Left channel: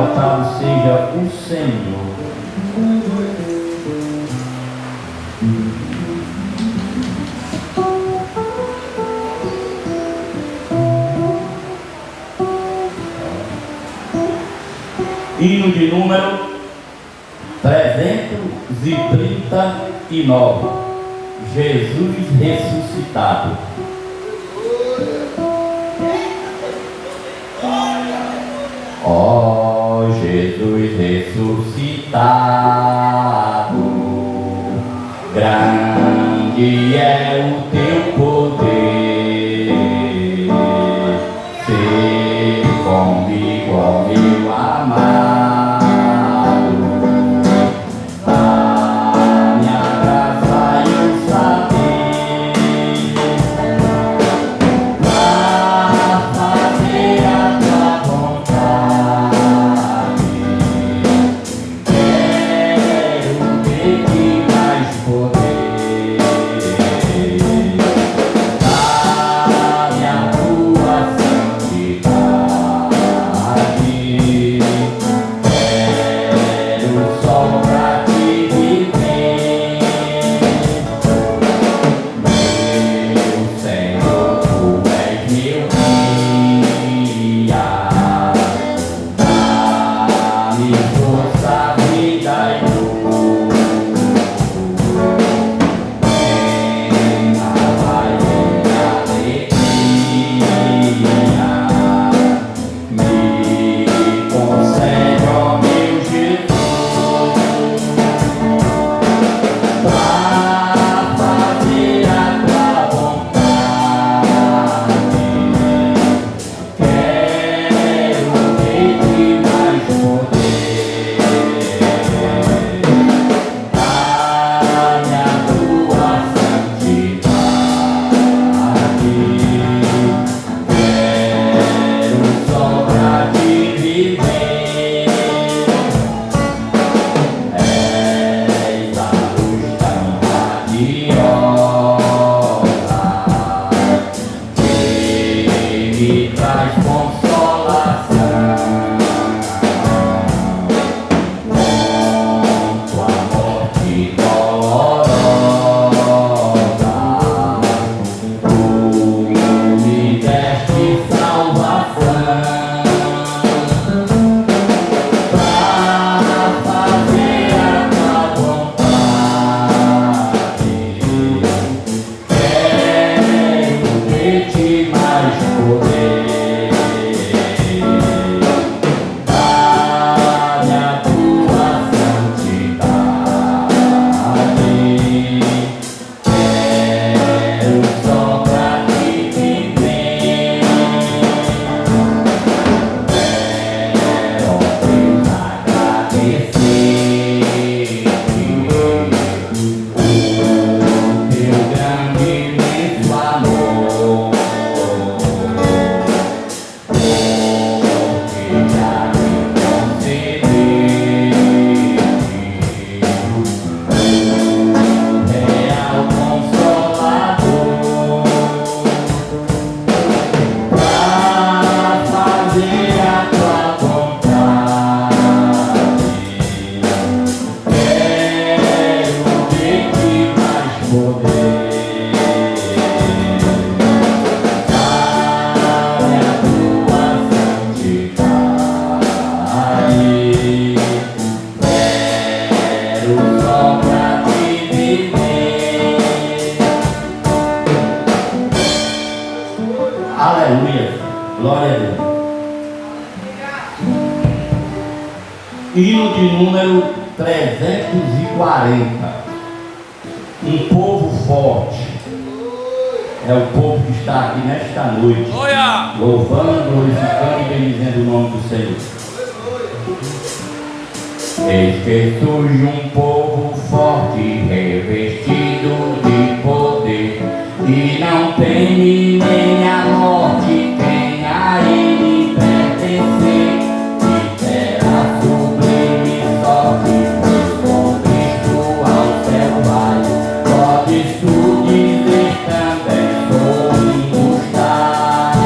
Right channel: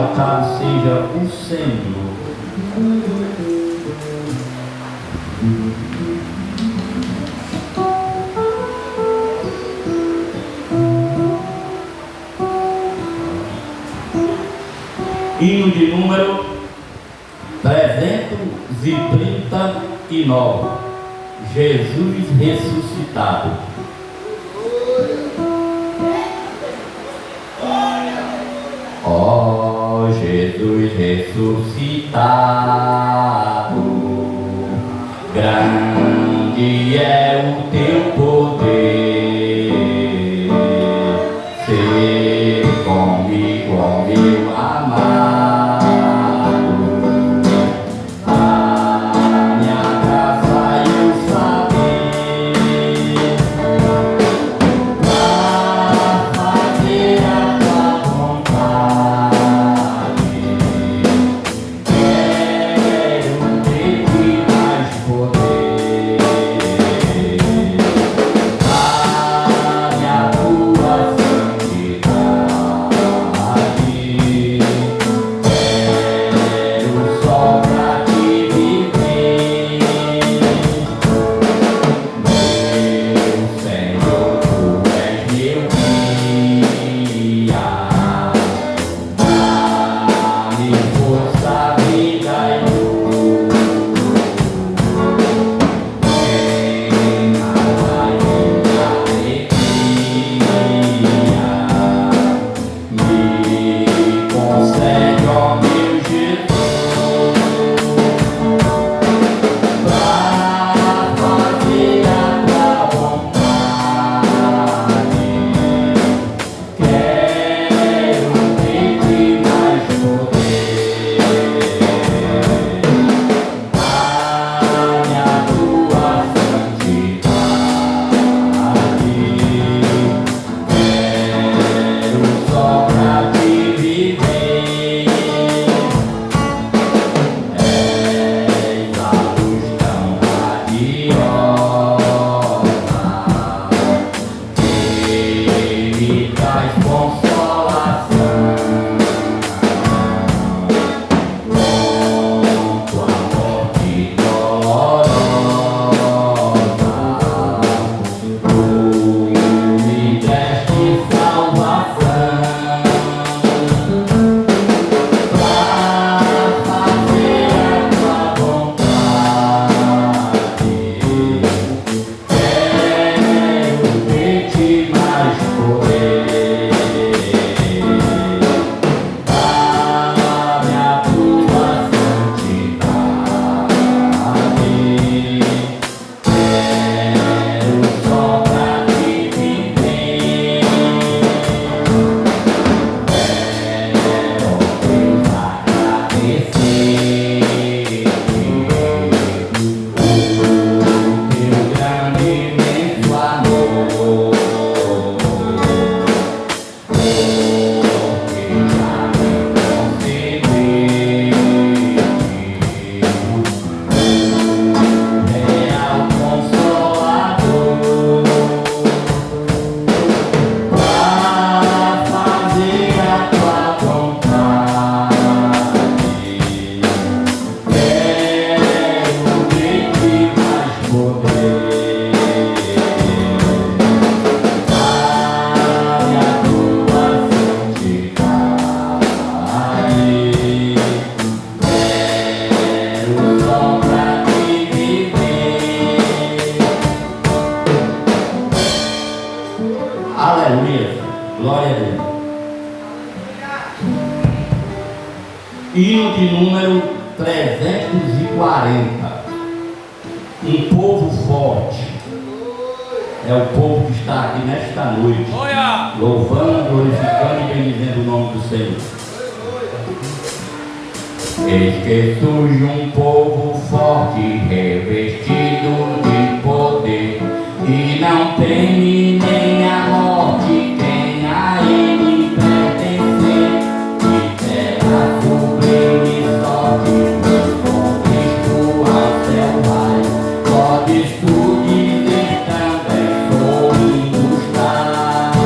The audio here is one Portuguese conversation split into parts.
exaltado seja o Senhor. Hino de número 339. Jesus ressuscitado. Ó Jesus ressuscitado, grande é o teu poder, ser comigo, ó meu amado, dá-me a graça e o saber, pra fazer a tua vontade. Quero ter-te mais poder, dá-me a tua santidade. Quero só pra te viver, meu Senhor, tu és meu guia. Dá-me força, vida e luz. Venha, Pai, minha alegria. Me concede, ó meu Jesus, pra fazer a tua vontade. Quero ter-te mais poder, dá-me a tua santidade. Quero só pra te viver, és a luz tão radiosa que me traz consolação. Com tua morte dolorosa, tu me deste salvação, pra fazer a tua vontade. Quero ter-te mais poder, dá-me a tua santidade. Quero só pra te viver, quero, ó Deus, agradecer o teu grande e imenso amor, porque já me concedeste o real Consolador, pra fazer a tua vontade. Quero ter-te mais poder, dá-me a tua santidade. Quero só pra te viver. Aleluia, glória a Deus. Hino de número 340. Um povo forte. É o povo que está aqui nesta noite, louvando, glorificando e bendizendo o nome do Senhor. Eis que surge um povo forte, revestido de poder, e não teme nem a morte quem a ele pertencer, e terá sublime sorte, pois com Cristo ao céu vai. Podes tu dizer também, sou um dos tais.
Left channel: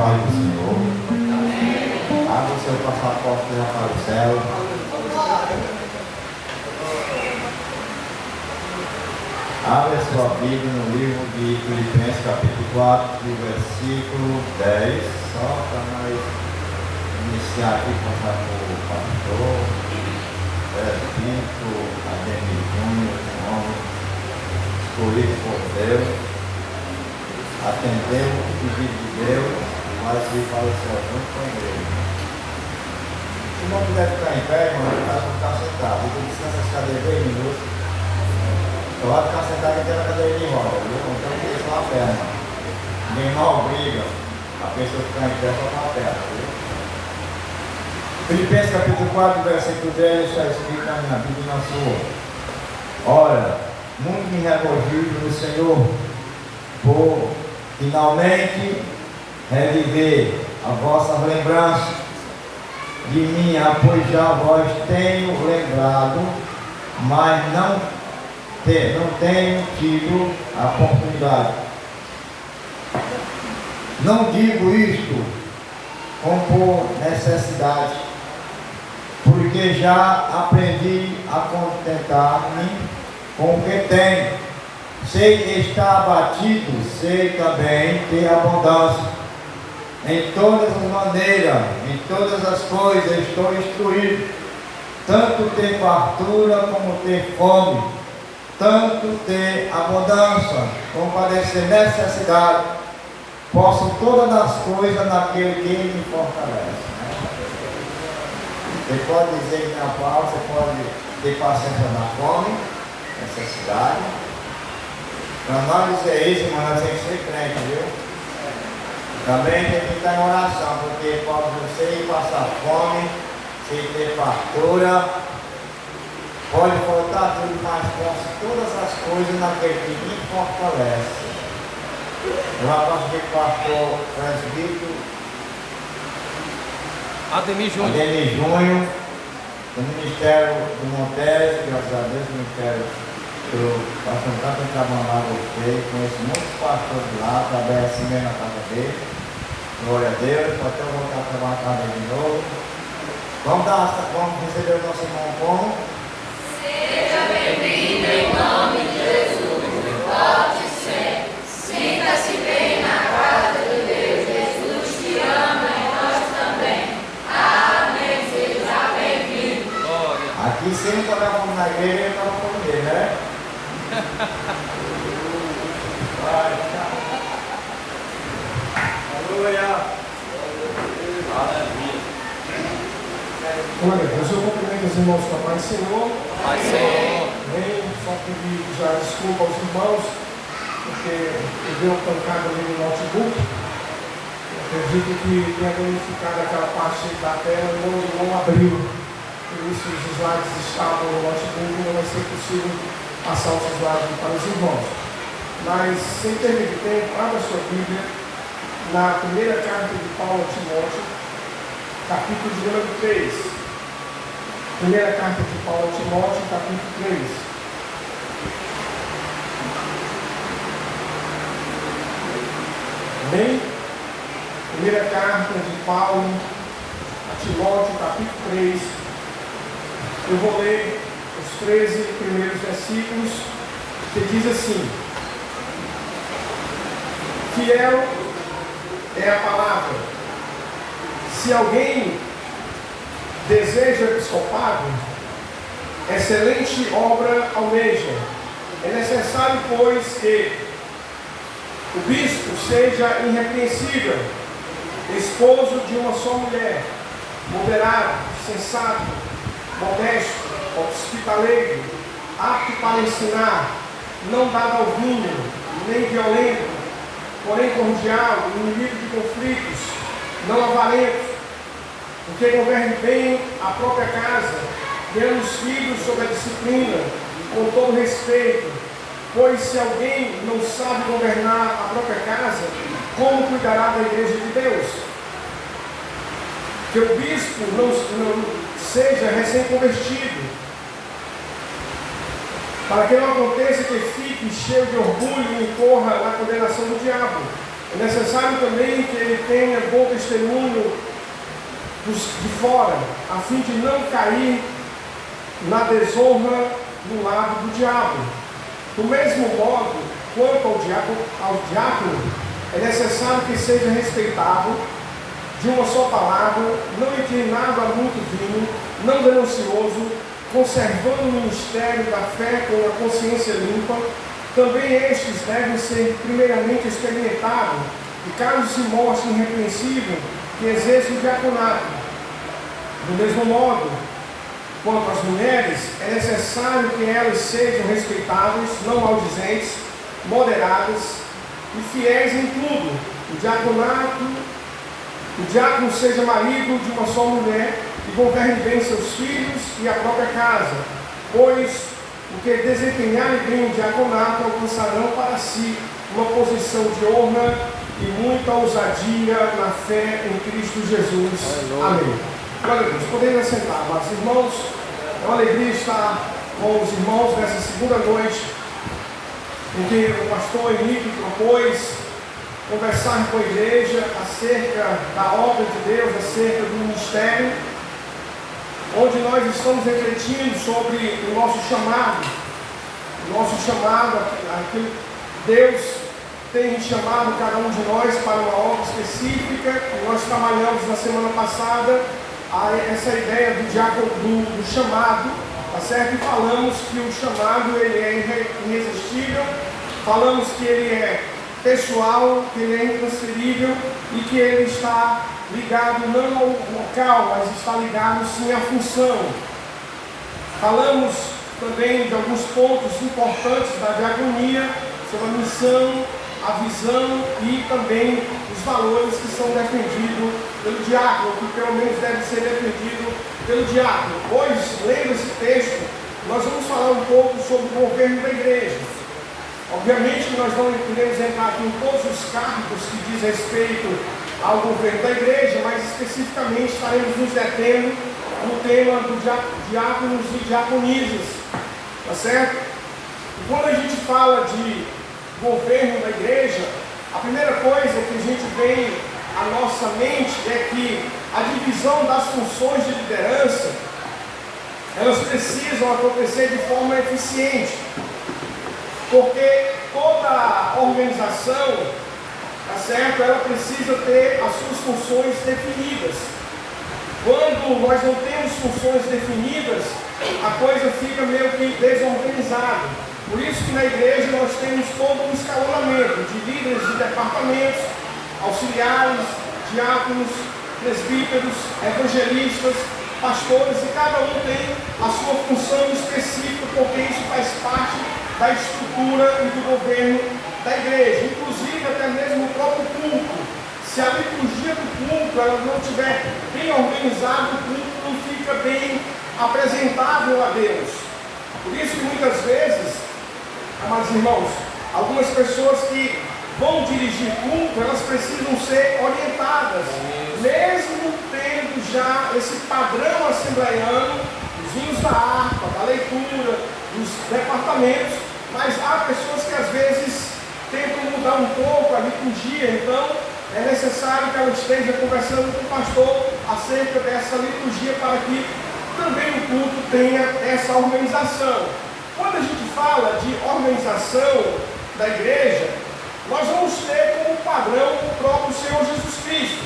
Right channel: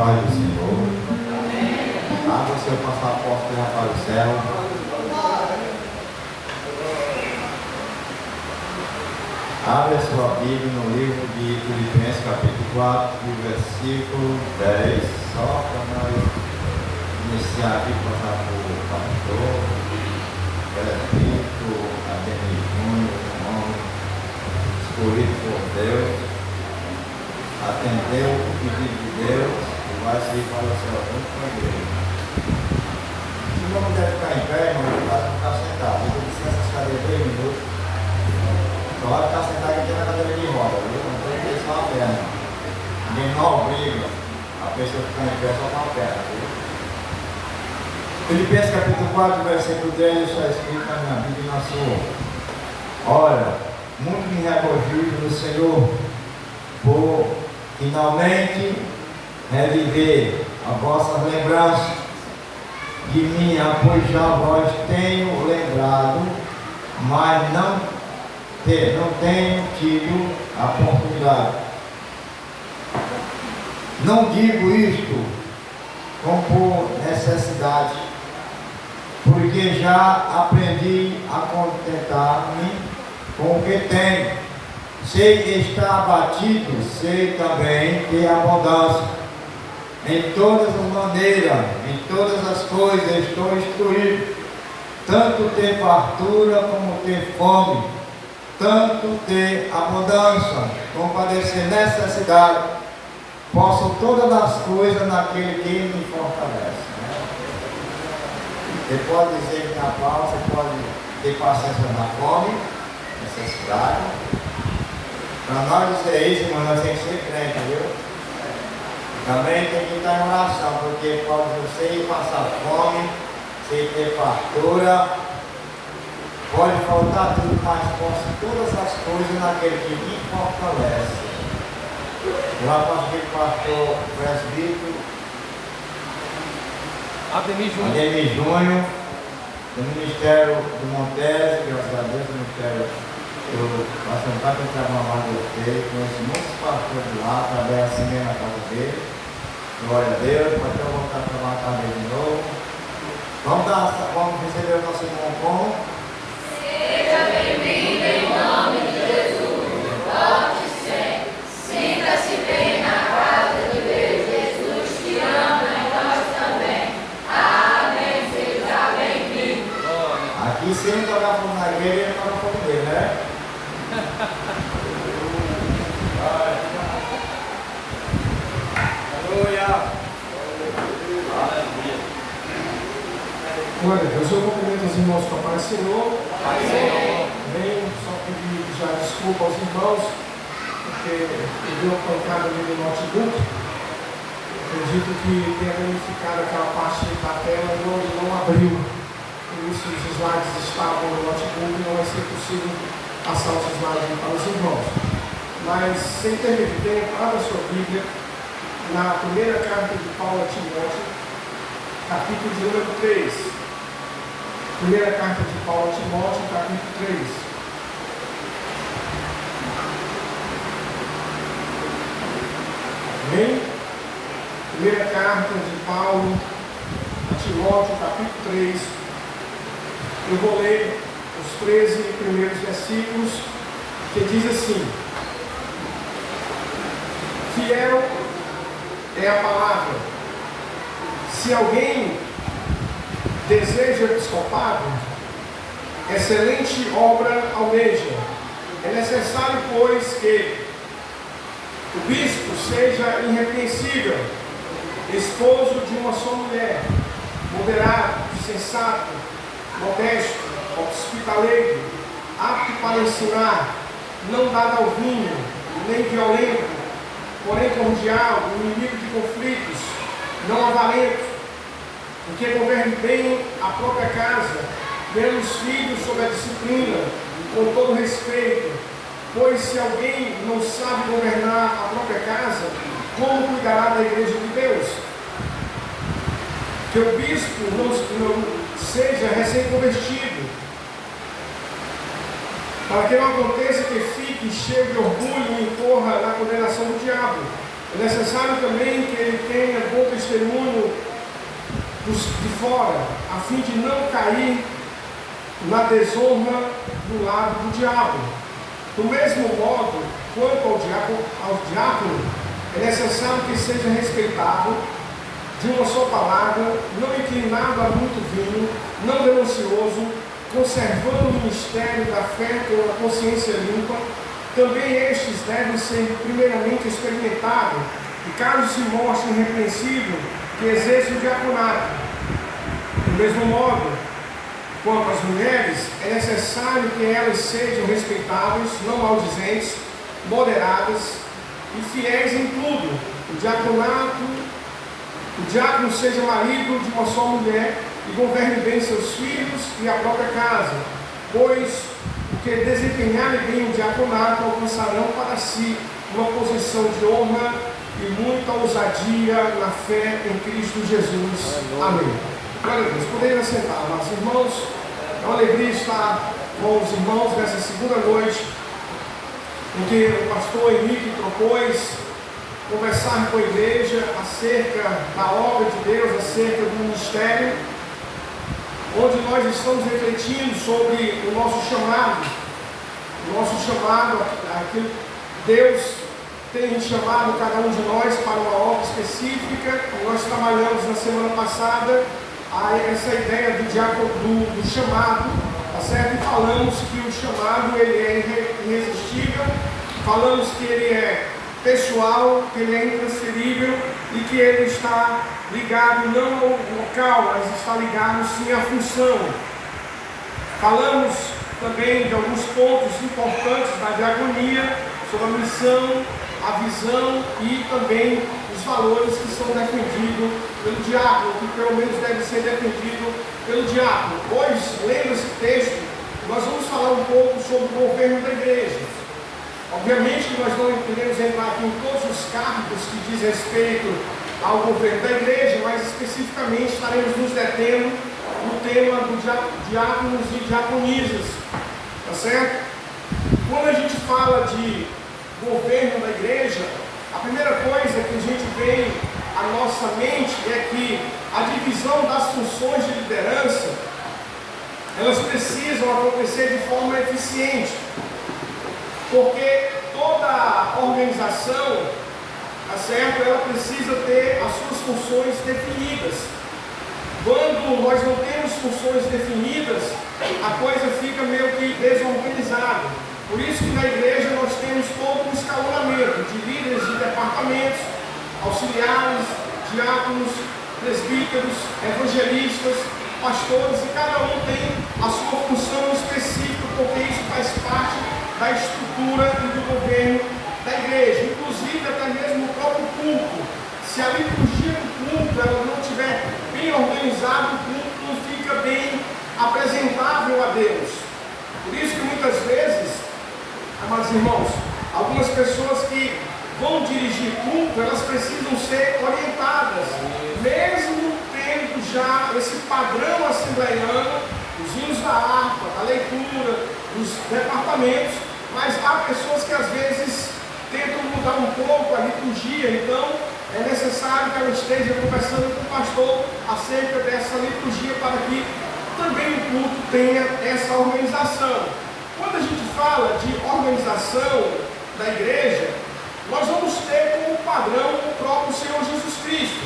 paz do Senhor. Abra o seu passaporte já para o céu. Abre a sua Bíblia no livro de Filipenses, capítulo 4, versículo 10. Só para nós iniciar aqui, passar por o pastor, prefeito, Ademir Júnior, irmão, escolhido por Deus, atendeu o pedido de Deus e vai se falecer junto com a igreja. Se não puder ficar em pé, irmão, ele vai ficar sentado. Eu vou descansar essas cadeiras 3 minutos. Então vai ficar sentado aqui na cadeira de roda, viu? Não tem que deixar a perna. Ninguém não obriga a pessoa ficar em pé só com a perna, viu? Filipenses capítulo 4, versículo 10, está escrito na minha Bíblia e na sua. Olha, muito me regozijo no Senhor por finalmente reviver a vossa lembrança de mim, pois já vós tenho lembrado, mas não tenho tido a oportunidade. Não digo isto como por necessidade, porque já aprendi a contentar-me com o que tenho. Sei estar abatido, sei também ter abundância. Em todas as maneiras, em todas as coisas estou instruído, tanto ter fartura como ter fome, tanto ter abundância como padecer necessidade. Posso todas as coisas naquele que me fortalece. Você pode dizer que na palavra, você pode ter paciência na fome, necessidade. Para não dizer isso, irmão, nós temos que ser crente, viu? Também tem que estar em oração, porque pode você passar fome, sem ter fartura, pode faltar tudo, mas posso todas as coisas naquele que me fortalece. Eu aposto que o pastor presbítero Ademir Júnior, do Ministério do Montes, graças a Deus, do Ministério do pastor Cássio Carnaval dele, conheço muitos pastores lá, trabalhei assim mesmo na casa dele. Glória a Deus, para até voltar a trabalhar na casa de novo. Vamos receber o nosso irmão como? Seja bem-vindo em nome de Jesus. Volte sempre. Sinta-se bem na casa de Deus. Jesus te ama e nós também. Amém. Seja bem-vindo. Aqui sempre quando eu fui na igreja, eu estava falando dele, né? Glória a Deus, eu cumprimento os irmãos com a paz do Senhor. Bem, só pedir já desculpa aos irmãos, porque eu dei uma pancada ali no notebook. Acredito que tenha danificado aquela parte da tela e não abriu. Por isso os slides estavam no notebook e não vai ser possível passar os slides para os irmãos. Mas, sem ter muito tempo, abra sua Bíblia na primeira carta de Paulo a Timóteo, capítulo de número 3. Primeira carta de Paulo a Timóteo, capítulo 3. Bem, primeira carta de Paulo a Timóteo, capítulo 3. Eu vou ler os 13 primeiros versículos, que diz assim: fiel é a palavra. Se alguém deseja episcopado, excelente obra almeja. É necessário, pois, que o bispo seja irrepreensível, esposo de uma só mulher, moderado, sensato, modesto, hospitaleiro, apto para ensinar, não dado ao vinho, nem violento, porém cordial, inimigo de conflitos, não avarento, porque governe bem a própria casa, criando os filhos sob a disciplina, com todo respeito. Pois se alguém não sabe governar a própria casa, como cuidará da igreja de Deus? Que o bispo não seja recém-convertido, para que não aconteça que fique cheio de orgulho e incorra na condenação do diabo. É necessário também que ele tenha bom testemunho de fora, a fim de não cair na desonra do lado do diabo. Do mesmo modo, quanto ao diácono, é necessário que seja respeitado, de uma só palavra, não inclinado a muito vinho, não ganancioso, conservando o ministério da fé com a consciência limpa. Também estes devem ser primeiramente experimentados, e caso se mostre irrepreensível, que exerça o diaconato. Do mesmo modo, quanto às mulheres, é necessário que elas sejam respeitáveis, não maldizentes, moderadas e fiéis em tudo. O diácono seja marido de uma só mulher e governe bem seus filhos e a própria casa, pois o que desempenharem bem o diaconato alcançarão para si uma posição de honra e muita ousadia na fé em Cristo Jesus. Amém. Glória a Deus. Podemos assentar, nossos irmãos. É uma alegria estar com os irmãos nessa segunda noite, em que o pastor Henrique propôs conversar com a igreja acerca da obra de Deus, acerca do ministério, onde nós estamos refletindo sobre o nosso chamado, aquilo que Deus tem chamado cada um de nós para uma obra específica. Nós trabalhamos na semana passada essa ideia do chamado, tá certo? E falamos que o chamado ele é irresistível, falamos que ele é pessoal, que ele é intransferível e que ele está ligado não ao local, mas está ligado sim à função. Falamos também de alguns pontos importantes da diaconia, sobre a missão, a visão e também os valores que são defendidos pelo diácono, que pelo menos deve ser defendido pelo diácono. Hoje, lendo esse texto, nós vamos falar um pouco sobre o governo da igreja. Obviamente que nós não podemos entrar aqui em todos os cargos que diz respeito ao governo da igreja, mas especificamente estaremos nos detendo no tema dos diáconos e diaconisas, tá certo? Quando a gente fala de governo da igreja, a primeira coisa que a gente vem à nossa mente é que a divisão das funções de liderança, elas precisam acontecer de forma eficiente, porque toda organização, tá certo, ela precisa ter as suas funções definidas. Quando nós não temos funções definidas, a coisa fica meio que desorganizada. Por isso que na igreja nós temos todo um escalonamento de líderes de departamentos, auxiliares, diáconos, presbíteros, evangelistas, pastores, e cada um tem a sua função específica, porque isso faz parte da estrutura e do governo da igreja, inclusive até mesmo o próprio culto. Se a liturgia do culto ela não estiver bem organizada, o culto não fica bem apresentável a Deus. Por isso que muitas vezes, amados irmãos, algumas pessoas que vão dirigir culto, elas precisam ser orientadas, mesmo tendo já esse padrão assembleiano, os hinos da harpa, da leitura, dos departamentos, mas há pessoas que às vezes tentam mudar um pouco a liturgia. Então é necessário que ela esteja conversando com o pastor acerca dessa liturgia, para que também o culto tenha essa organização. Quando a gente fala de organização da igreja, nós vamos ter como padrão o próprio Senhor Jesus Cristo,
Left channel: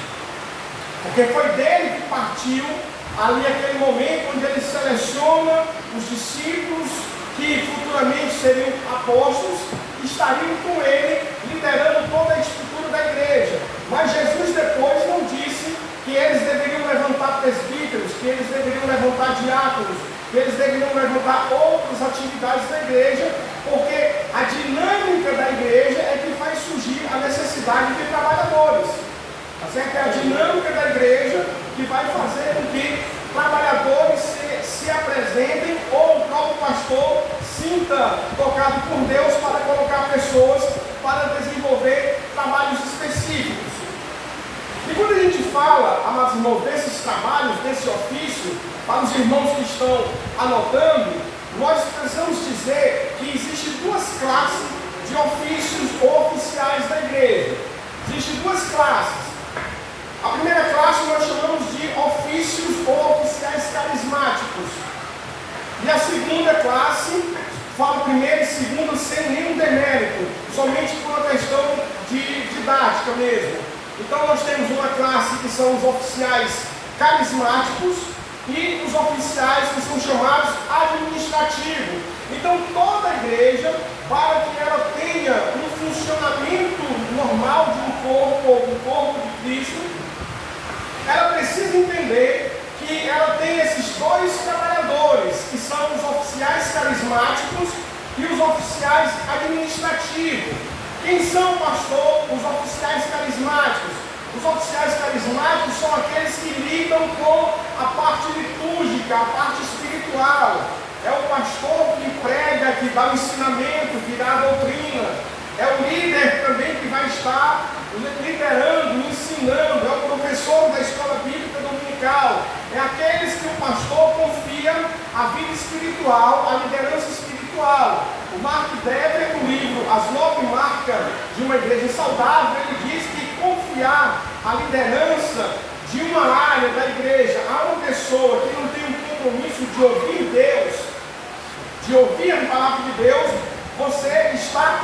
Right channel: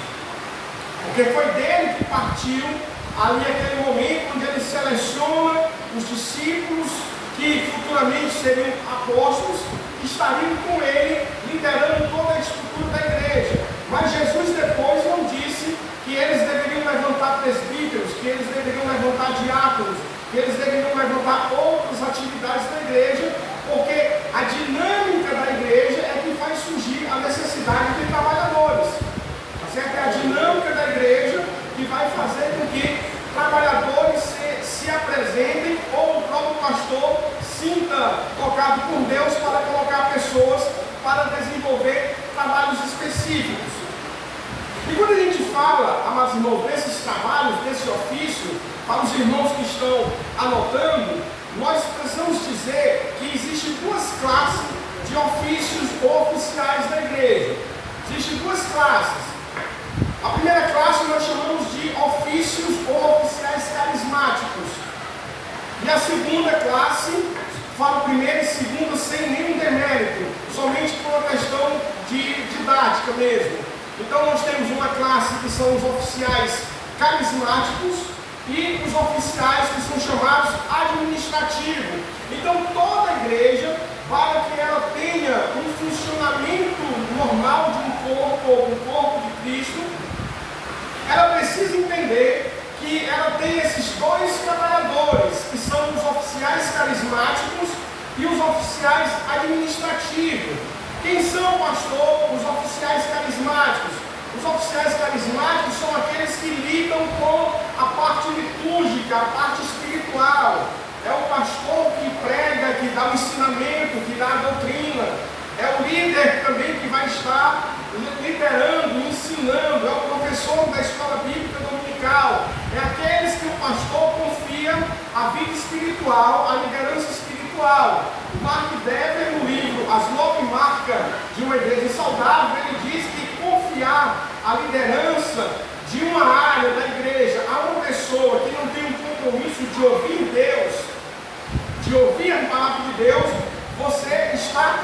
porque foi dele que partiu ali aquele momento onde ele seleciona os discípulos que futuramente seriam apóstolos, que estariam com ele, liderando toda a estrutura da igreja. Mas Jesus depois não disse que eles deveriam levantar presbíteros, que eles deveriam levantar diáconos, que eles deveriam levantar outras atividades da igreja, porque a dinâmica da igreja é que faz surgir a necessidade de trabalhadores. Tá certo? É a dinâmica da igreja que vai fazer com que trabalhadores se apresentem, ou o próprio pastor sinta tocado por Deus para colocar pessoas para desenvolver trabalhos específicos. E quando a gente fala, amados irmãos, desses trabalhos, desse ofício, para os irmãos que estão anotando, nós precisamos dizer que existem duas classes de ofícios oficiais da igreja. Existem duas classes. A primeira classe nós chamamos de ofícios ou oficiais carismáticos. E a segunda classe, falo primeiro e segundo sem nenhum demérito, somente por uma questão de didática mesmo. Então nós temos uma classe que são os oficiais carismáticos e os oficiais que são chamados administrativos. Então toda a igreja, para que ela tenha um funcionamento normal de um corpo de Cristo, ela precisa entender que ela tem esses dois trabalhadores, que são os oficiais carismáticos e os oficiais administrativos. Quem são, pastor? Os oficiais carismáticos. Os oficiais carismáticos são aqueles que lidam com a parte litúrgica, a parte espiritual. É o pastor que prega, que dá o ensinamento, que dá a doutrina. É o líder também que vai estar liderando, ensinando. É o professor da escola bíblica dominical. É aqueles que o pastor confia a vida espiritual, a liderança espiritual. O Mark Dever, no livro As 9 Marcas de uma Igreja Saudável, ele diz que confiar a liderança de uma área da igreja a uma pessoa que não tem um compromisso de ouvir Deus, de ouvir a palavra de Deus, você está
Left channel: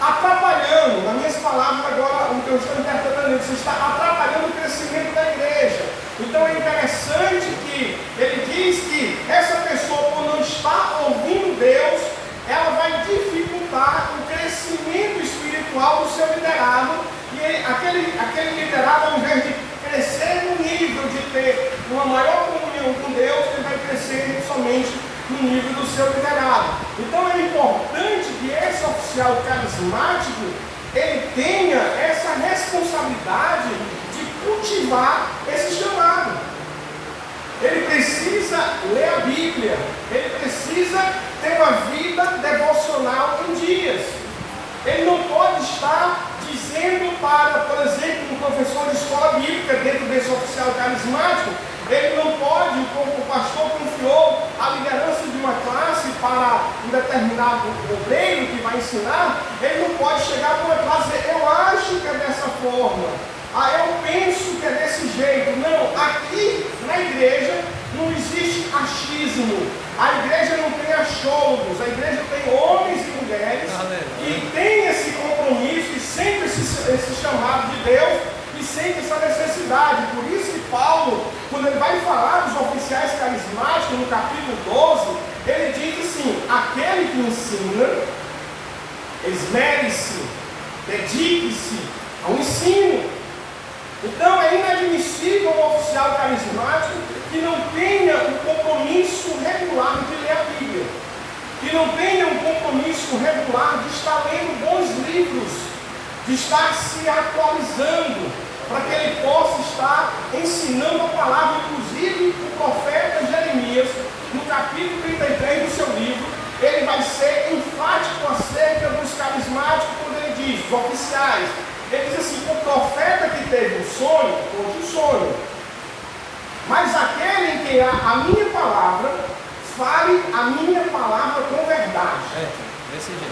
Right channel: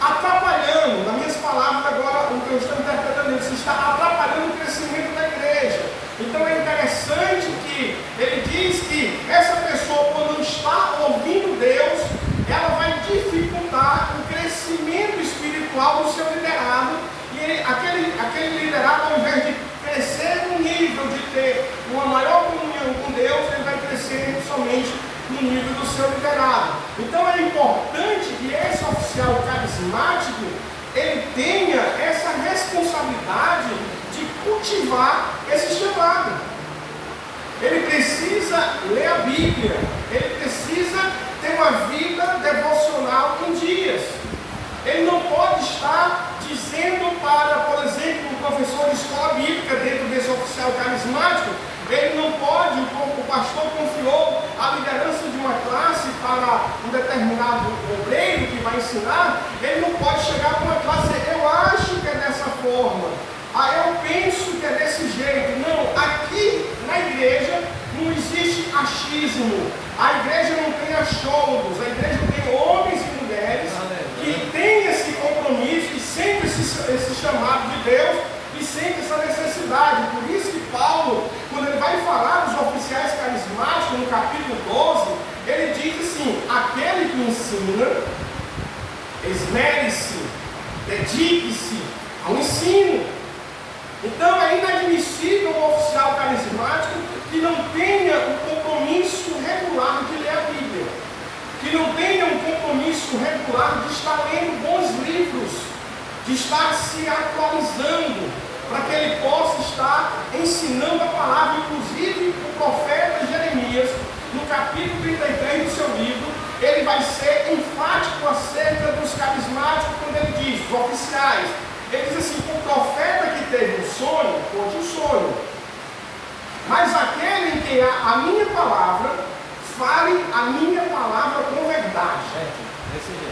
atrapalhando, nas minhas palavras agora, o que eu estou interpretando, você está atrapalhando o crescimento da igreja. Então é interessante que ele diz que essa pessoa, quando não está ouvindo Deus, ela vai dificultar o crescimento espiritual do seu liderado, e aquele liderado, ao invés de crescer no nível de ter uma maior comunhão com Deus, ele vai crescer somente no nível do seu liderado. Então é importante que esse oficial carismático, ele tenha essa responsabilidade de cultivar esse chamado. Ele precisa ler a Bíblia, ele precisa ter uma vida devocional em dias. Ele não pode estar dizendo para, por exemplo, um professor de escola bíblica dentro desse oficial carismático, ele não pode, como o pastor confiou a liderança de uma classe para um determinado obreiro que vai ensinar, ele não pode chegar para uma classe e dizer, eu acho que é dessa forma, eu penso que é desse jeito. Não, aqui na igreja não existe achismo, a igreja não tem achólogos, a igreja tem homens e mulheres que têm esse compromisso e sentem esse chamado de Deus e sentem essa necessidade. Por isso que Paulo, quando ele vai falar dos oficiais carismáticos, no capítulo 12, ele diz assim, aquele que ensina, esmere-se, dedique-se ao ensino. Então é inadmissível um oficial carismático que não tenha um compromisso regular de ler a Bíblia, que não tenha um compromisso regular de estar lendo bons livros, de estar se atualizando, para que ele possa estar ensinando a palavra. Inclusive o profeta Jeremias, no capítulo 33 do seu livro, ele vai ser enfático acerca dos carismáticos, quando ele diz, os oficiais, ele diz assim, o profeta que teve um sonho, pôde um sonho, mas aquele em que a minha palavra, fale a minha palavra com verdade.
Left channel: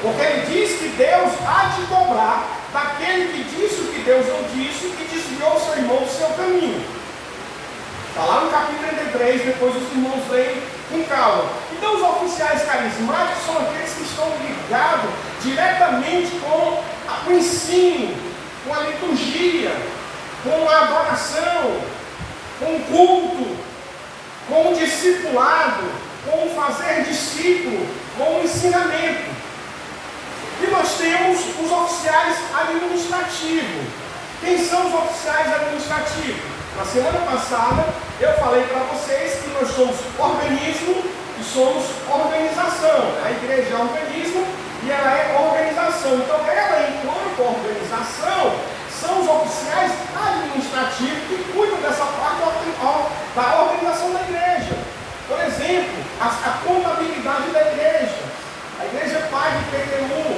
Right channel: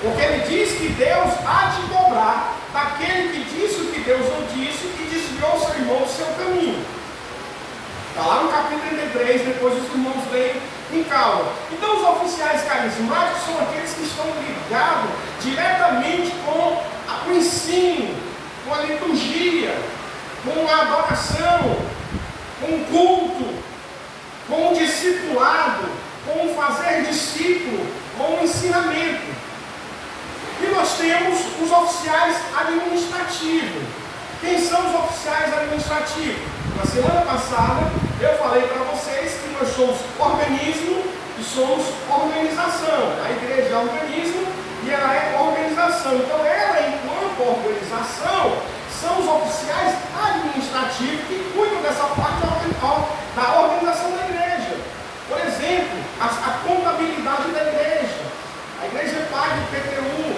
Porque ele diz que Deus há de cobrar daquele que disse o que Deus não disse e desviou seu irmão do seu caminho. Está lá no capítulo 33, depois os irmãos leem com calma. Então os oficiais carismáticos são aqueles que estão ligados diretamente com o ensino, com a liturgia, com a adoração, com o culto, com o discipulado, com o fazer discípulo, com o ensinamento. E nós temos os oficiais administrativos. Quem são os oficiais administrativos? Na semana passada eu falei para vocês que nós somos organismo e somos organização. A igreja é organismo e ela é organização. Então ela, enquanto organização, são os oficiais administrativos que cuidam dessa parte da organização da igreja. Por exemplo, a contabilidade da igreja. A igreja paga IPTU,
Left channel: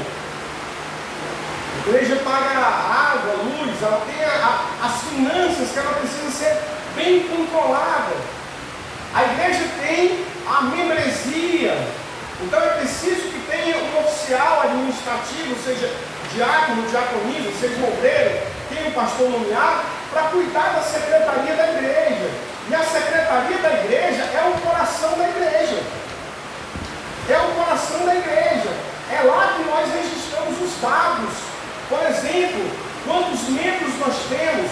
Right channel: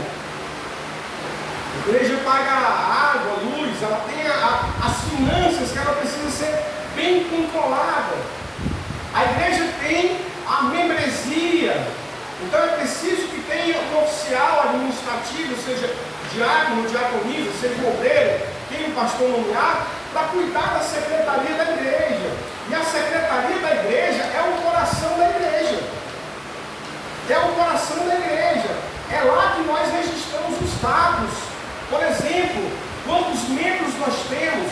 a igreja paga água, luz, ela tem as finanças que ela precisa ser bem controlada. A igreja tem a membresia, então é preciso que tenha um oficial administrativo, seja diácono, diaconisa, seja obreiro, quem o pastor nomear, para cuidar da secretaria da igreja. E a secretaria da igreja é o coração da igreja. É o coração da igreja. É lá que nós registramos os dados. Por exemplo, quantos membros nós temos,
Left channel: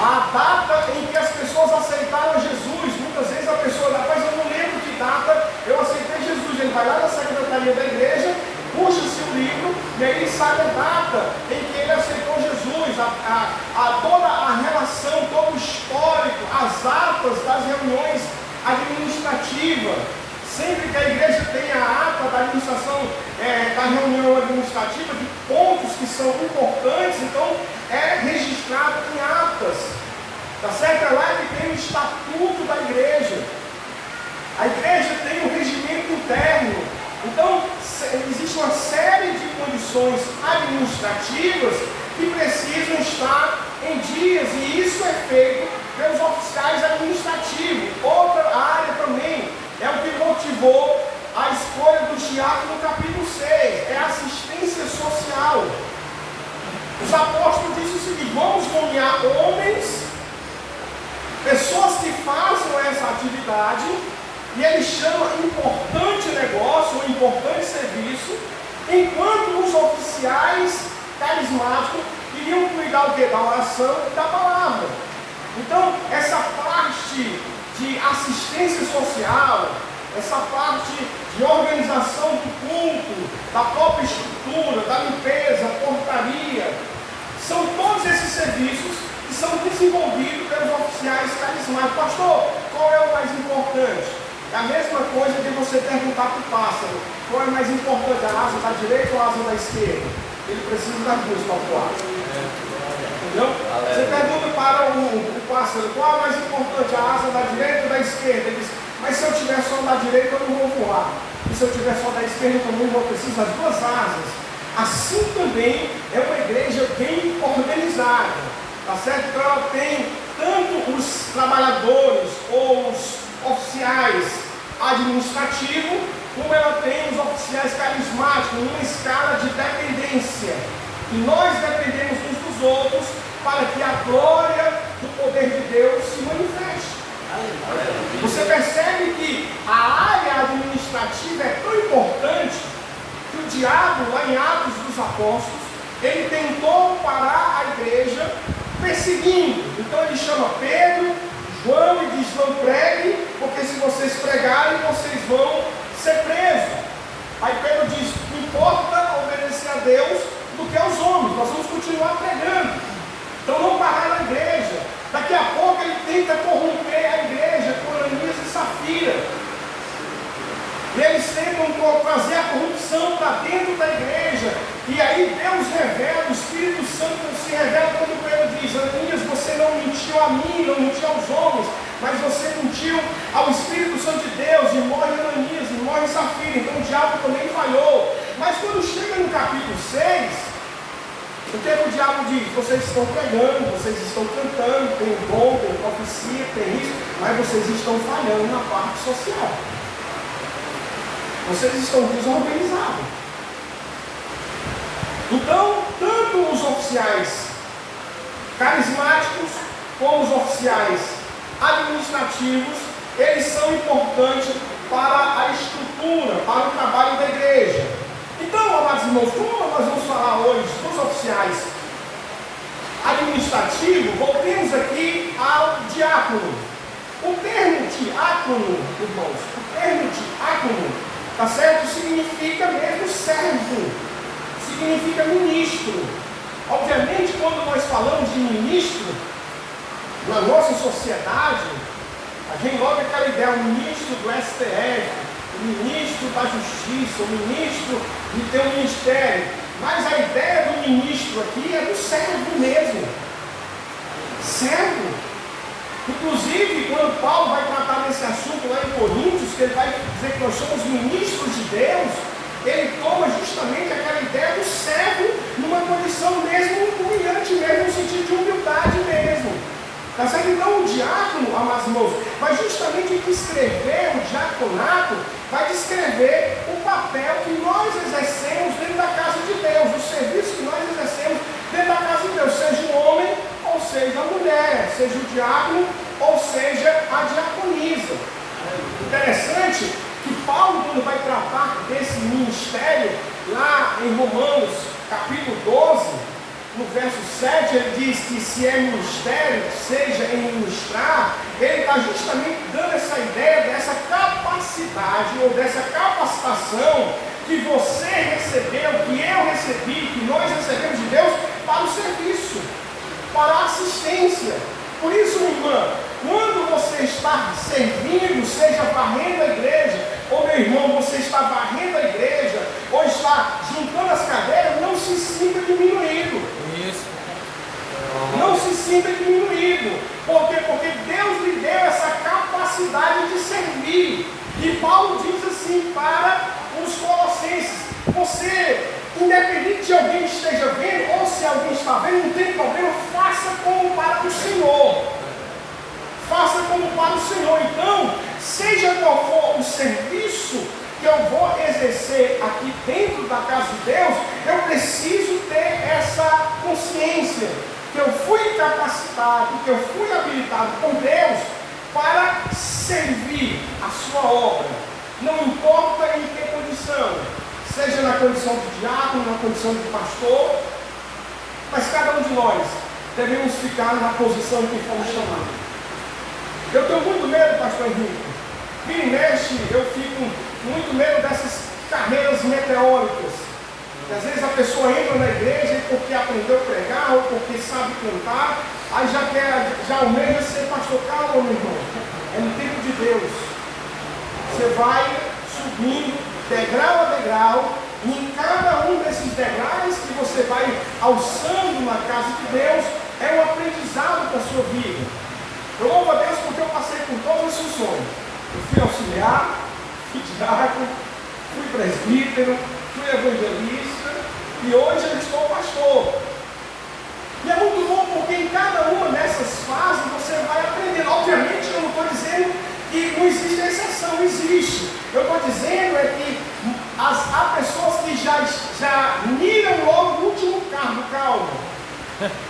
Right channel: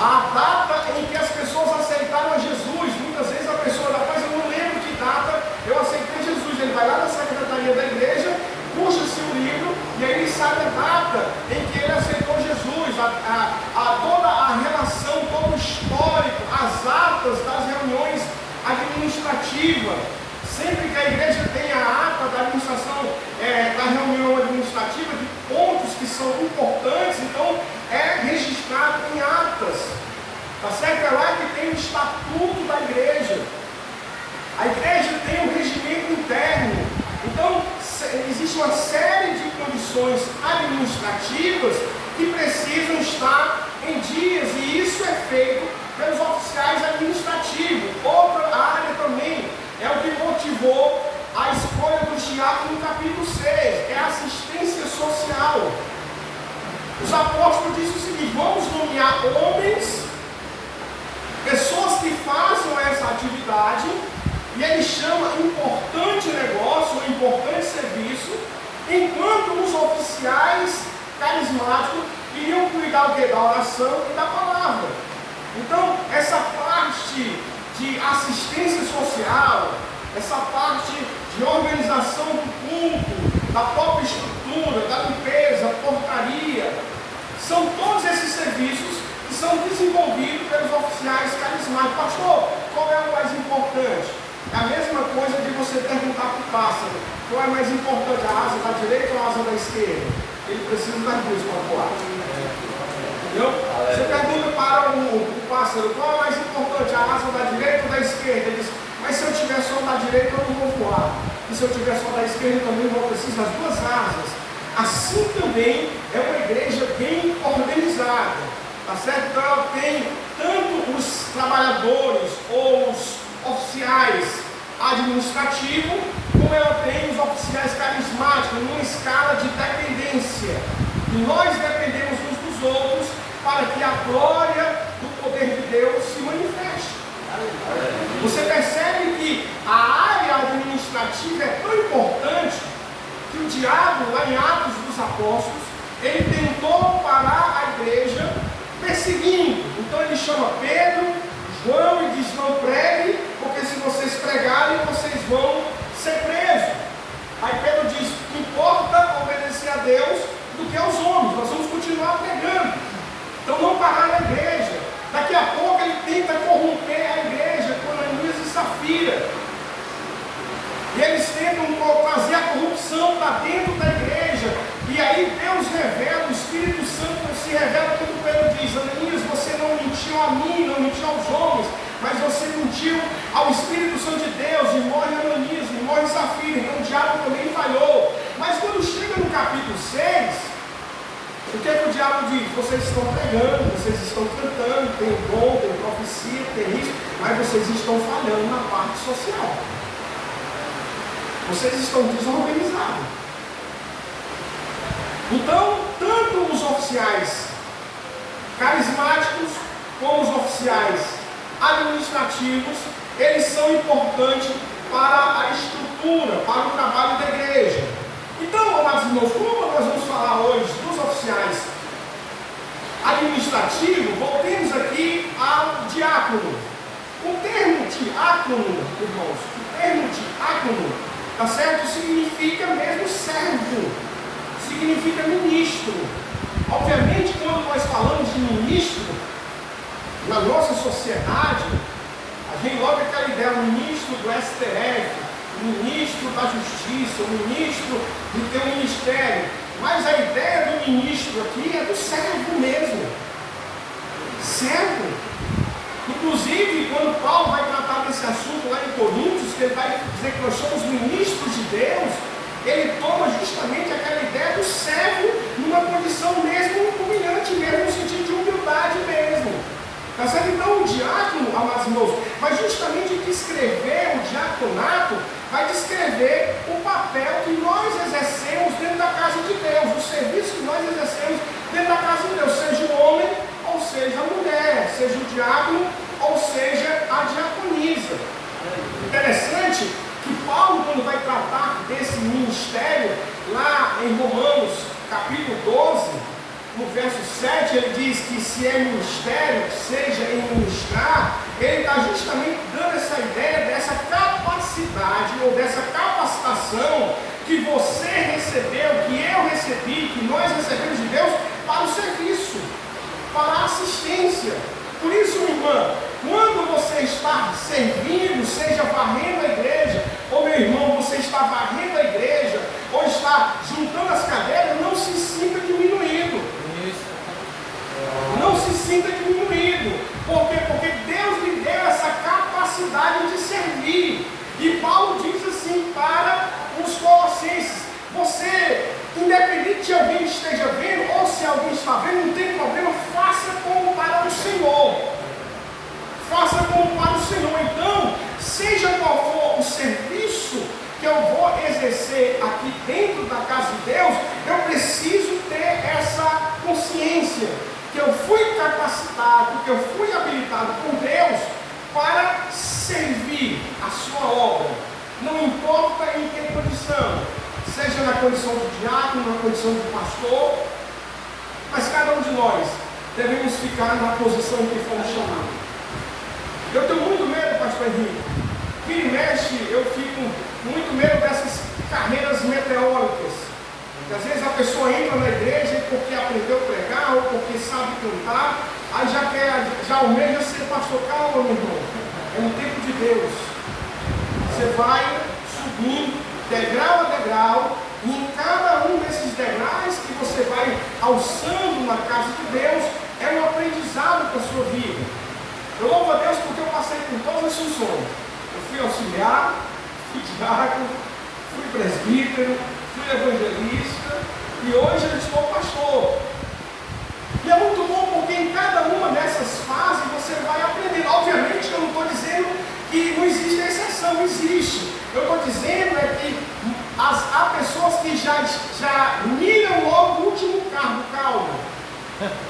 a data em que as pessoas aceitaram Jesus. Muitas vezes a pessoa, rapaz, eu não lembro que data eu aceitei Jesus. Ele vai lá na secretaria da igreja, puxa seu livro, e aí ele sabe a data em que ele aceitou Jesus, toda a relação, todo o histórico, as atas das reuniões administrativas. Sempre que a igreja tem a ata da administração, da reunião administrativa, de pontos que são importantes, então é registrado em atas. Tá certo? É lá que tem o estatuto da igreja. A igreja tem um regimento interno. Então, existe uma série de condições administrativas que precisam estar em dias, e isso é feito pelos oficiais administrativos. Outra área também é o que motivou a escolha do diácono no capítulo 6, é a assistência social. Os apóstolos dizem o seguinte: vamos nomear homens, pessoas que façam essa atividade, e ele chama importante negócio, importante serviço, enquanto os oficiais carismáticos iriam cuidar da oração e da palavra. Então, essa parte de assistência social, essa parte de organização do culto, da própria estrutura, da limpeza, da portaria, são todos esses serviços que são desenvolvidos pelos oficiais carismáticos. Pastor, qual é o mais importante? É a mesma coisa de você perguntar para o pássaro: qual é mais importante, a asa da direita ou a asa da esquerda? Ele precisa das duas para voar. Entendeu? Você pergunta para o pássaro: qual é mais importante, a asa da direita ou da esquerda? Ele diz: mas se eu tiver só da direita eu não vou voar. E se eu tiver só da esquerda eu também vou precisar das duas asas. Assim também é uma igreja bem organizada. Tá certo? Então ela tem tanto os trabalhadores ou os oficiais administrativos, como ela tem os oficiais carismáticos, numa escala de dependência. E nós dependemos uns dos outros para que a glória do poder de Deus se manifeste. Você percebe que a área administrativa é tão importante que o diabo, lá em Atos dos Apóstolos, ele tentou parar a igreja perseguindo. Então ele chama Pedro, João e diz: não pregue, porque se vocês pregarem, vocês vão ser presos. Aí Pedro diz: importa obedecer a Deus do que aos homens, nós vamos continuar pregando. Então não parar a igreja. Daqui a pouco ele tenta corromper a igreja com Ananias e Safira. E eles tentam trazer a corrupção para dentro da igreja. E aí Deus revela, o Espírito Santo se revela quando Pedro diz: Ananias, você não mentiu a mim, não mentiu aos homens, mas você mentiu ao Espírito Santo de Deus, e morre Ananias, e morre Safira. Então o diabo também falhou. Mas quando chega no capítulo 6, o que é que o diabo diz? Vocês estão pregando, vocês estão cantando, tem o dom, tem profecia, tem isso, mas vocês estão falhando na parte social. Vocês estão desorganizados. Então, tanto os oficiais carismáticos como os oficiais administrativos, eles são importantes para a estrutura, para o trabalho da igreja. Então, amados irmãos, como nós vamos falar hoje dos oficiais administrativos, voltemos aqui ao diácono. O termo diácono, irmãos, o termo diácono, tá certo? Significa mesmo servo, significa ministro. Obviamente, quando nós falamos de ministro, na nossa sociedade, a gente logo aquela ideia: o ministro do STF, o ministro da Justiça, o ministro de ter um ministério. Mas a ideia do ministro aqui é do servo mesmo. Servo. Inclusive, quando Paulo vai tratar desse assunto lá em Coríntios, que ele vai dizer que nós somos ministros de Deus, ele toma justamente aquela ideia do servo numa condição mesmo humilhante, mesmo no sentido de humildade mesmo. Tá certo? Então o diácono, amados irmãos, vai justamente descrever o diaconato, vai descrever o papel que nós exercemos dentro da casa de Deus, o serviço que nós exercemos dentro dentro da casa de Deus, seja o homem ou seja a mulher, seja o diácono ou seja a diaconisa. Interessante que Paulo, quando vai tratar desse ministério, lá em Romanos capítulo 12, no verso 7, ele diz que se é ministério, seja em ministrar, ele está justamente dando essa ideia dessa capacidade ou dessa capacitação que você recebeu, que eu recebi, que nós recebemos de Deus para o serviço, para a assistência. Por isso, irmã, quando você está servindo, seja varrendo a igreja, ou meu irmão, você está varrendo a igreja, ou está juntando as cadeiras, não se sinta diminuído. Não se sinta diminuído. Por quê? Porque Deus lhe deu essa capacidade de servir. E Paulo diz assim para os colossenses: você, independente de alguém esteja vendo, ou se alguém está vendo, não tem problema, faça como para o Senhor. Faça como para o Senhor. Então, seja qual for o serviço que eu vou exercer aqui dentro da casa de Deus, eu preciso ter essa consciência que eu fui capacitado, que eu fui habilitado por Deus para servir a sua obra. Não importa em que condição, seja na condição de diácono, na condição de pastor, mas cada um de nós devemos ficar na posição em que fomos chamados. Eu tenho muito medo, pastor Henrique. Vira e mexe, eu fico muito medo dessas carreiras meteóricas. Que às vezes a pessoa entra na igreja porque aprendeu a pregar ou porque sabe cantar, aí já almeja ser pastor. Calma, meu irmão. É no tempo de Deus. Você vai subindo degrau a degrau, e em cada um desses degraus que você vai alçando na casa de Deus, é um aprendizado para a sua vida. Eu louvo a Deus porque eu passei por todas as funções. Eu fui auxiliar, fui diácono, fui presbítero, fui evangelista e hoje eu estou pastor. E é muito bom porque em cada uma dessas fases você vai aprendendo. Obviamente eu não estou dizendo que não existe exceção, existe. Eu estou dizendo é que há pessoas que já miram logo no último cargo, calma.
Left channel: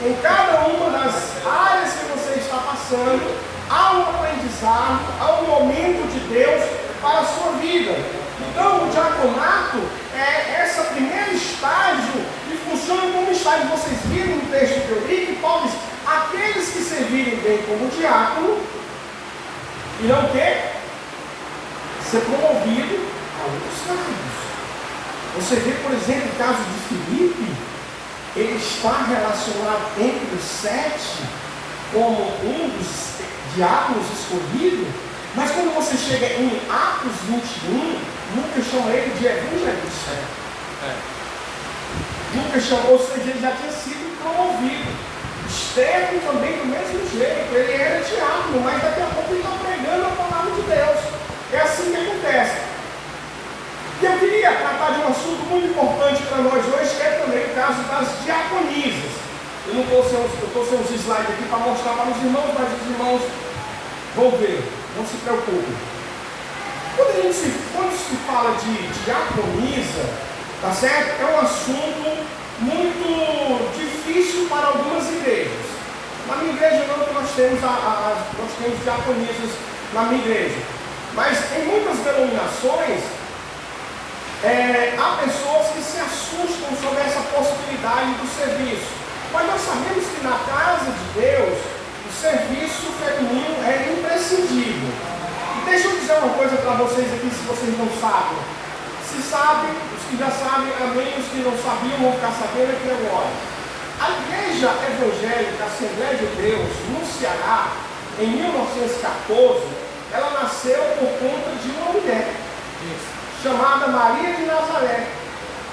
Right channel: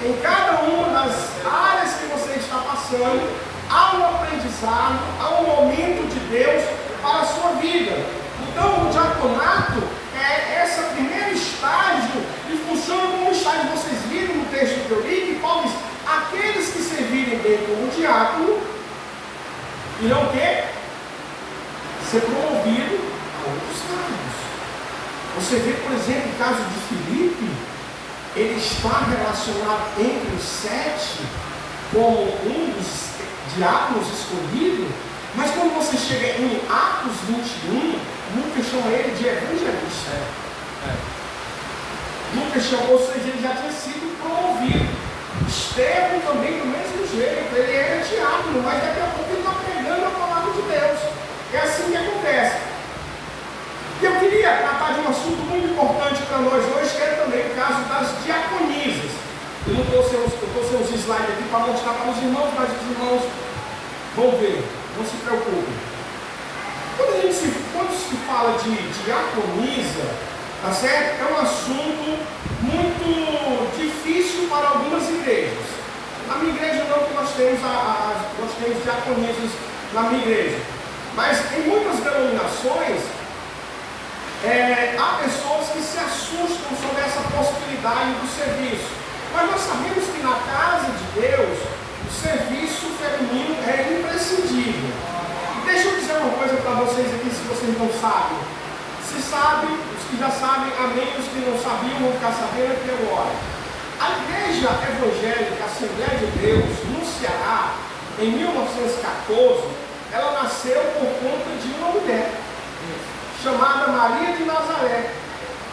Em cada uma das áreas que você está passando, há um aprendizado, há um momento de Deus para a sua vida. Então, o diaconato é esse primeiro estágio e funciona como estágio. Vocês viram no texto que eu li que Paulo diz: aqueles que servirem bem como diácono irão ser promovidos a outros cargos. Você vê, por exemplo, o caso de Filipe. Ele está relacionado entre os 7 como um dos diáconos escolhidos, mas quando você chega em Atos 21, Lucas chama ele de evangelista. Lucas chamou, ou seja, ele já tinha sido promovido. Estevão também do mesmo jeito, ele era diácono, mas daqui a pouco ele está pregando a palavra de Deus. É assim que acontece. E eu queria tratar de um assunto muito importante para nós hoje, que é também o caso das diaconisas. Eu não estou sem os slides aqui para mostrar para os irmãos, mas os irmãos vão ver, não se preocupem. Quando se fala de diaconisa, tá certo? É um assunto muito difícil para algumas igrejas. Na minha igreja não, porque nós temos diaconisas na minha igreja. Mas em muitas denominações, há pessoas que se assustam sobre essa possibilidade do serviço. Mas nós sabemos que na casa de Deus, o serviço feminino é imprescindível. E deixa eu dizer uma coisa para vocês aqui, se vocês não sabem. Se sabem, os que já sabem, amém, os que não sabiam vão ficar sabendo aqui agora. A Igreja Evangélica Assembleia de Deus, no Ceará, em 1914, ela nasceu por conta de uma mulher chamada Maria de Nazaré.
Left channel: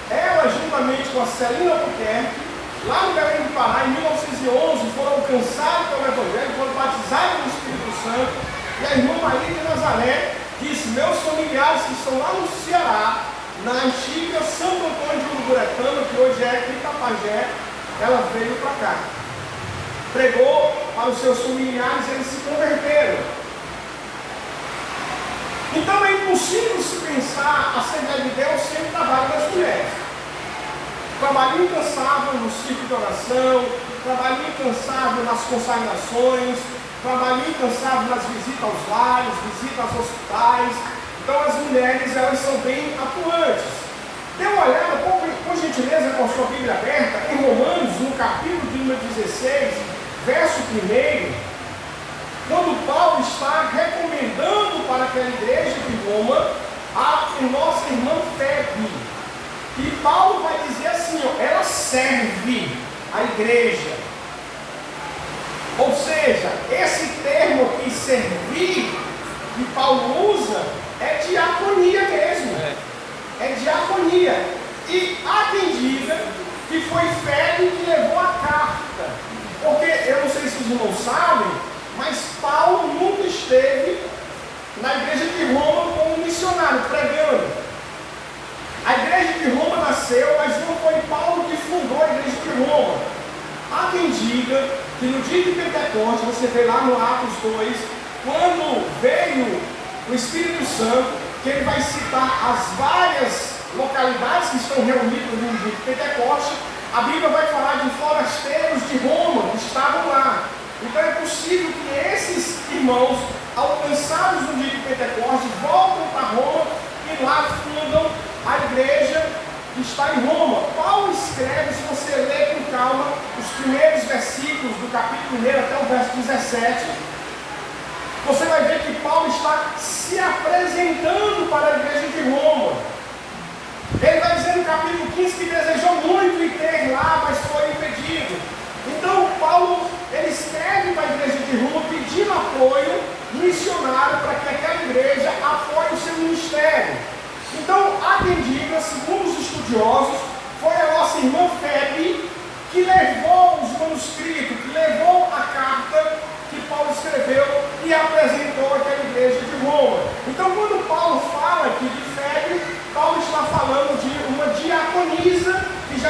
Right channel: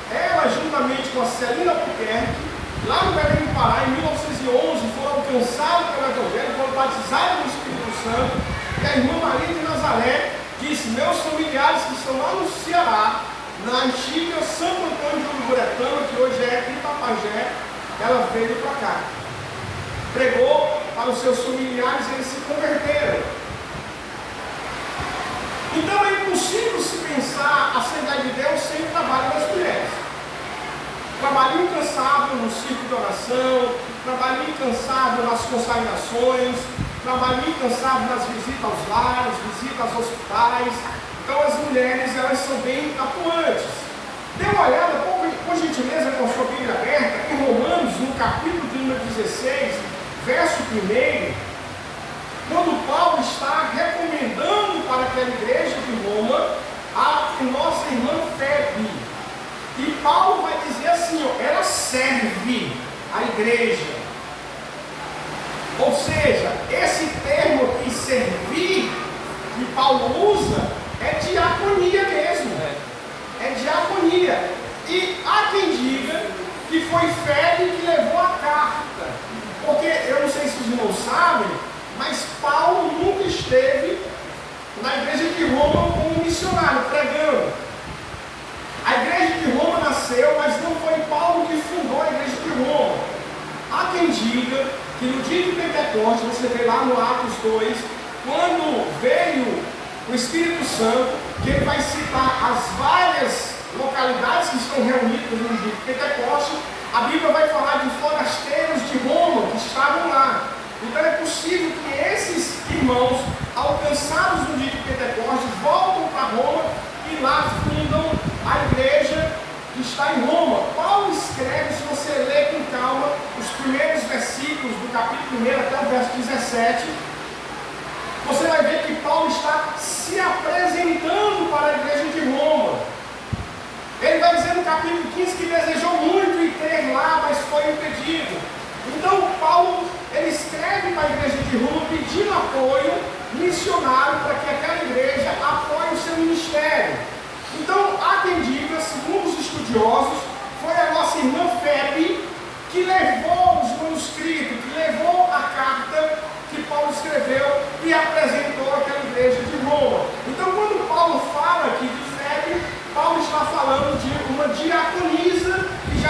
Ela, juntamente com a Celina Albuquerque, lá no Belém do Pará, em 1911, foram alcançados pelo Evangelho, foram batizados no Espírito Santo. E a irmã Maria de Nazaré disse: meus familiares que estão lá no Ceará, na antiga Santo Antônio de Uruburetama, que hoje é Itapajé, ela veio para cá. Pregou para os seus familiares, eles se converteram. Então é impossível se pensar a Assembleia de Deus sem o trabalho das mulheres. trabalho incansável no círculo de oração, trabalho incansável nas consagrações, trabalho incansável nas visitas aos lares, visitas aos hospitais. Então as mulheres, elas são bem atuantes. Dê uma olhada, por gentileza, com a sua Bíblia aberta, em Romanos, no capítulo de número 16, verso 1, quando Paulo está recomendando para aquela igreja de Roma a nossa irmã Febe. E Paulo vai dizer assim, ó, ela serve a igreja. Ou seja, esse termo aqui, servir, que Paulo usa, é diaconia mesmo. É diaconia. E há quem diga que foi Febe que levou a carta. Porque, eu não sei se os irmãos sabem, mas Paulo nunca esteve na igreja de Roma como missionário, pregando. A igreja de Roma nasceu, mas não foi Paulo que fundou a igreja de Roma. Há quem diga que no dia de Pentecostes, você vê lá no Atos 2, quando veio o Espírito Santo, que ele vai citar as várias localidades que estão reunidas no dia de Pentecostes, a Bíblia vai falar de forasteiros de Roma que estavam lá. Então é possível que esses irmãos, alcançados no dia de Pentecostes, voltam para Roma e lá fundam a igreja que está em Roma. Paulo escreve, se você ler com calma, os primeiros versículos do capítulo 1 até o verso 17, você vai ver que Paulo está se apresentando para a igreja de Roma. Ele vai dizer no capítulo 15 que desejou muito